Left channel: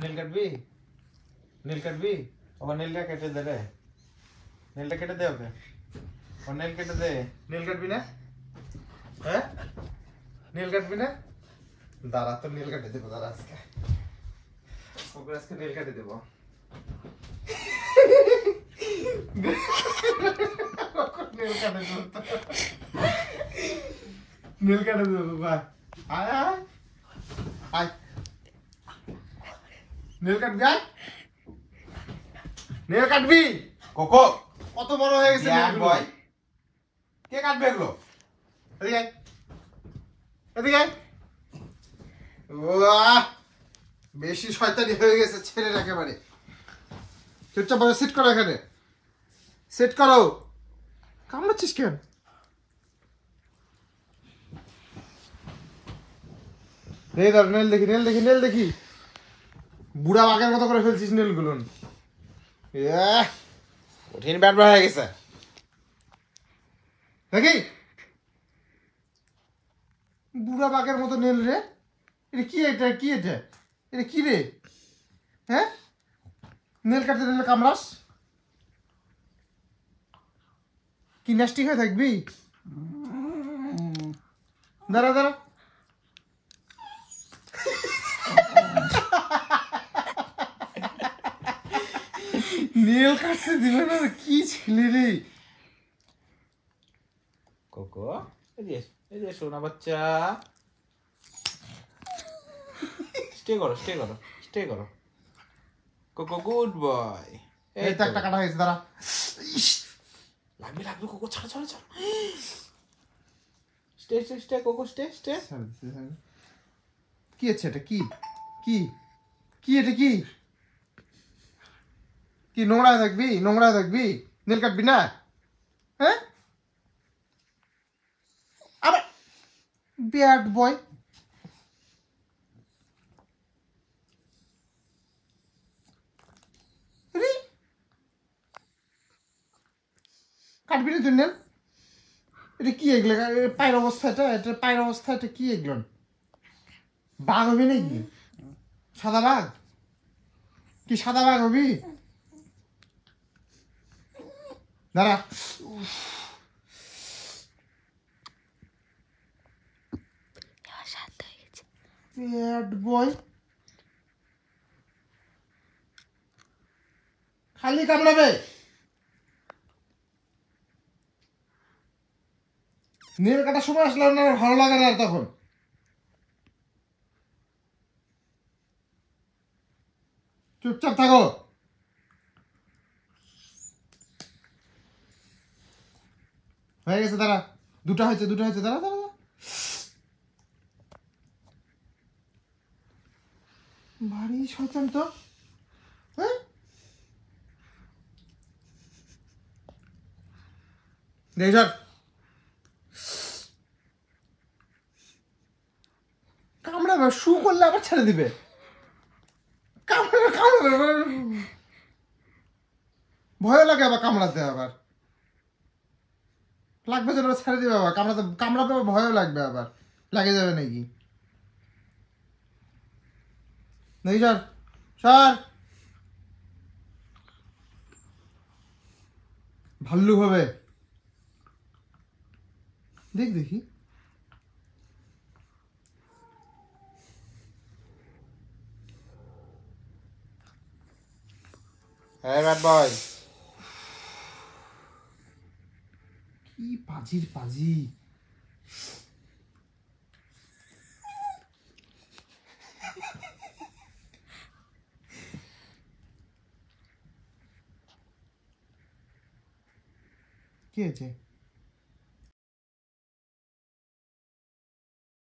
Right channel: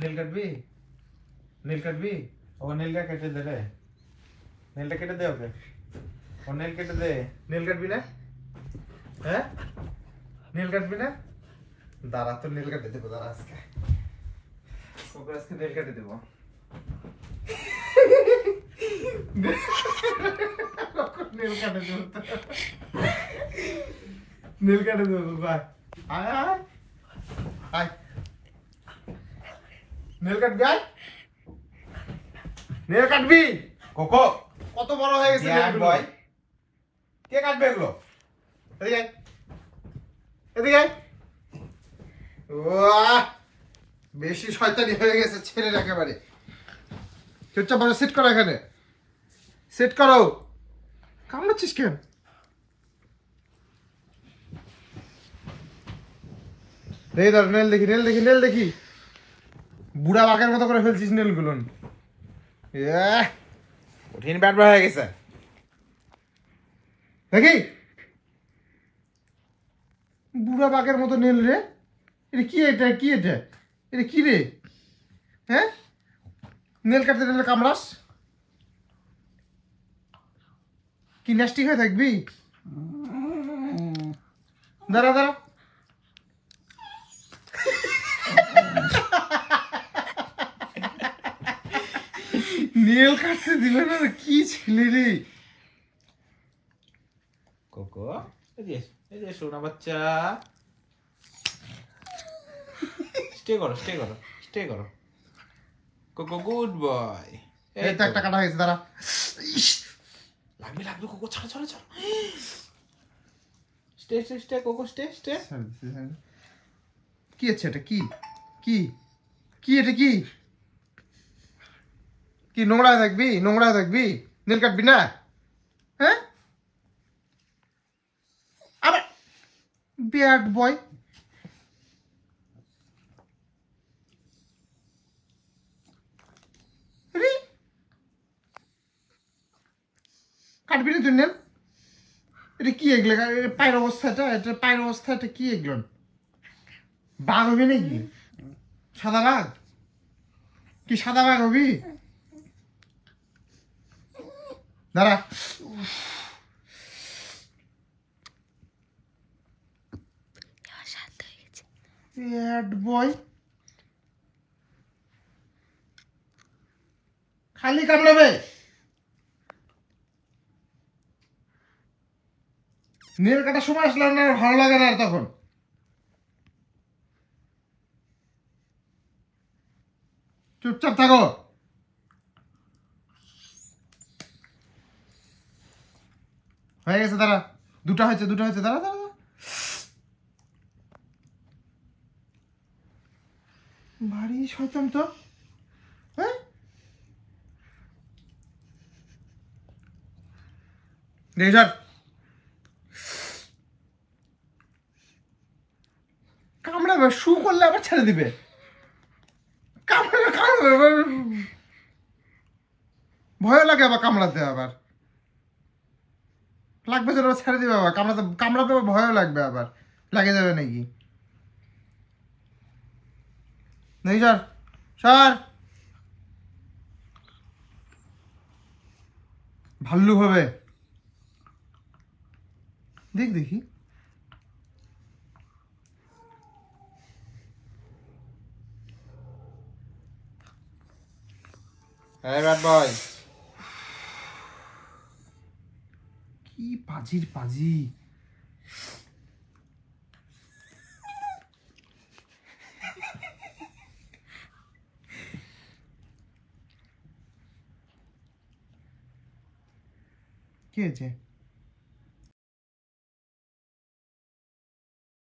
নীল কাটবি? নীল কাটবি? ও নীলটা কেটে দে রে। নীলটা কেটে দে ওকে। ও নীল কেটে দে। নীল কাটবি না? হ্যাঁ? নীল কাটবি না? দাঁড়া তো নীল কাটে দেবো দাঁড়া আজকে। ওকে আজকে নীল কাটে দেবো। নীল কাটে দেবো। নীল কাটে দেবো ভাই। আয় আয়। আয়। নীল কাটবি আয়। নীল কাটবি? কোকো কত বড় হয়ে গেছে নীল বয়। কে কাটবে এগুলো? এদিকে আয়। এদিকে আয়। ওয়াহ বেশি শয়তানি হয়ে গেছে ছেলের একেবারে। চুপচাপ বসে সিট করো এখানে। সেট করো। কামড়াচ্ছিস কেন? নেল দেখি নেল দেখি নেল দেখি। বুড়া বাঘের মতো করে ফেলছিস নেলগুলো। কঠিন ব্যাট হয়ে গেছে দেখি। বুড়া বাঘের মতো নীল রে। এটা কি এটা কি এটা? এটা কি রে? হ্যাঁ নেল কাটতে নেল কামড়াস? কি নাস্টি হয়ে থাকবি? দাঁড়া দাঁড়া। নীল কাটতে দিল না কি ছেলে রে। কোকো এই যে সোনা বাচ্চা। স্টে করো স্টে করো স্টে করো। Cocoa good boy. এই তো একটা কাটা হয়েছে দাঁড়া। লাগবে লাগবে কোকো ছাড়ো ছাড়ো ছাড়ো। Stay stay stay cocoa stay stay. কি আছে এটা? কি কি কি এটা? কি কি নোংরা থাকবি? নোংরা থাকবি? নীল কাটবি না? হ্যাঁ আবার ব্যাড বয়। কাটবি না তুই নেন? এটা কি এগুলো? পায়ের অবস্থাটা এটা পায়ের অবস্থাটা কি এগুলো? বাঘ হবি নাকি? সাদা বাঘ? কি সাদা বাঘ হবি? দাঁড়া। Bad boy. খালি কামড়াবে। নেল কাটার সময় আসলে না ভালো লাগে না তখন। চুপচাপ থাকো। হয়ে গেছে দাঁড়া। দুটা হয়েছে দুটা হয়েছে দাঁড়া দাঁড়া। ভারী শয়তান তো। হ্যাঁ রেজার কামড়াবে। শু করলে আবার ছেড়ে দিবে। কামড়াবে কামড়াবে ভয় লাগে আবার কামড়াতে। আবার লাগবে যেন ছেড়ে দিবে। আবার কামড়াতে কামড়াতে ভয়ও লাগবে। আবার লাগে যাবে নাকি? নেই স্যার স্যার ভাল্লুক হবে। দেখ দেখি। হ্যাঁ ব্যাড বয়। কি পাজির পাজি। কি হয়েছে?